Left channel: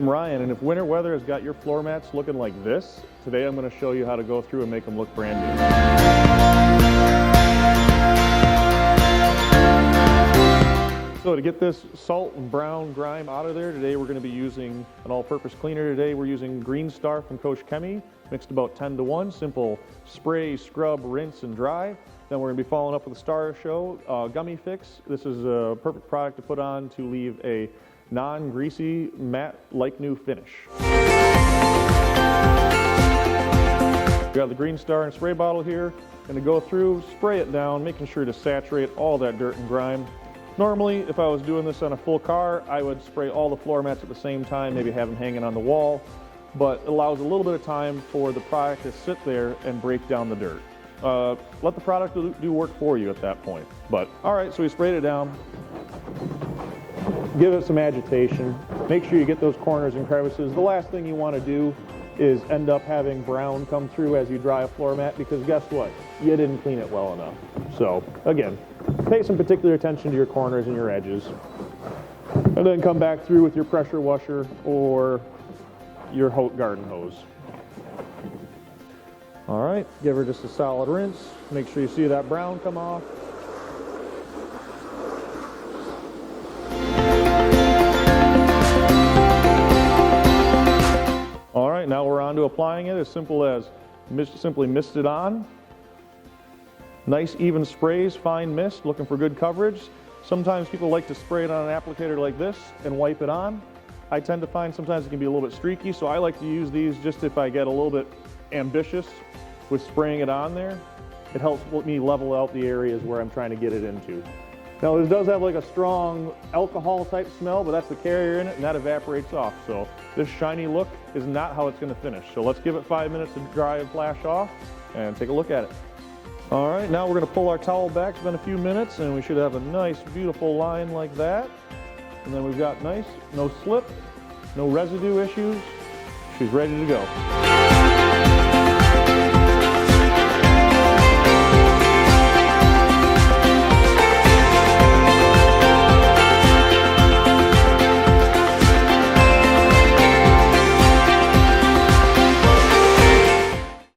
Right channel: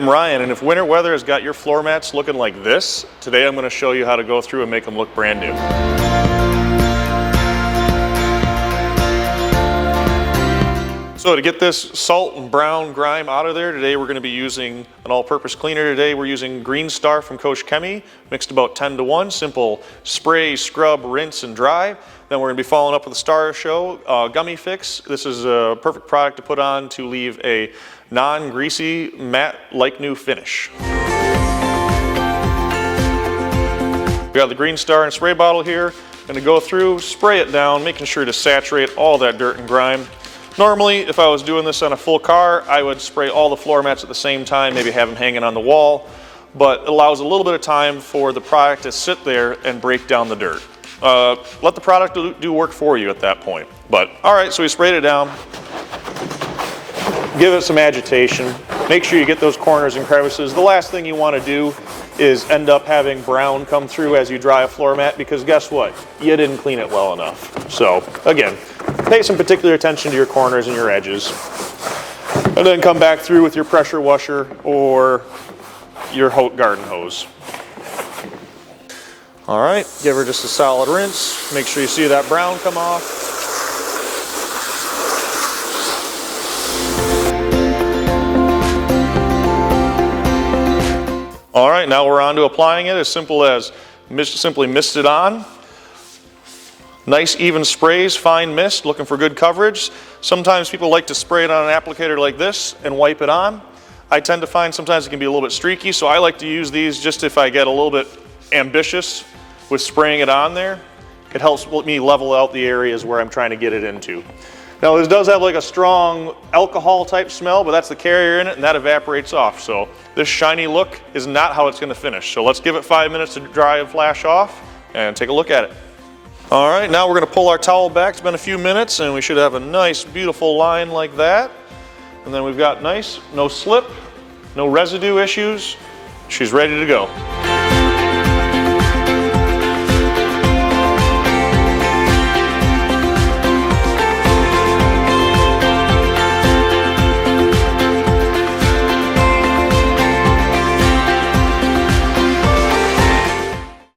I'm Ryan, and if winter weather has got your floor mats looking like this, today I'm going to show you how to go through and make them look brand new. So to get this salt and brown grime out of there, today we're going to be using an all-purpose cleaner. Today we're using Green Star from Koch Chemie, mixed about 10-to-1, simple spray, scrub, rinse, and dry. Then we're going to be following up with a Star Show Gummifix. This is a perfect product to put on to leave a non-greasy, matte, like new finish. We got the Green Star and spray bottle here. Going to go through, spray it down, making sure to saturate all that dirt and grime. Normally, if I was doing this on a full car, I would spray all the floor mats at the same time, maybe have them hanging on the wall, but it allows a little bit of time for the product to sit there and break down the dirt. Let the product do work for you at that point. But all right, so we sprayed it down. Give it some agitation. Make sure you get those corners and crevices. The last thing you want to do is end up having brown come through as you dry a floor mat, because guess what? You didn't clean it well enough. So again, pay some particular attention to your corners and your edges. And then come back through with your pressure washer or your garden hose. All right, give her just a solid rinse. Make sure you see that brown come off. All right, now we're on to applying it. As simple as simply mist it on. Nice even sprays, fine mist, looking for good coverage. Sometimes people like to spray it on an applicator like this and wipe it on. I tend to find sometimes it can be a little bit streaky, so I like to use these just if I get a little bit ambitious with spraying it on there. It helps me level out the areas where I'm trying to get it into. Now this does have like a strong alcohol type smell, but that's the carrier in it and that evaporates off. So this shiny look is not how it's going to finish. So let's give it 5 minutes to dry and flash off and take a look at it. All right, now we're going to pull our towel back. It's been a few minutes and we should have a nice beautiful line like that. And then we've got nice, no slip, no residue issues. She's ready to go.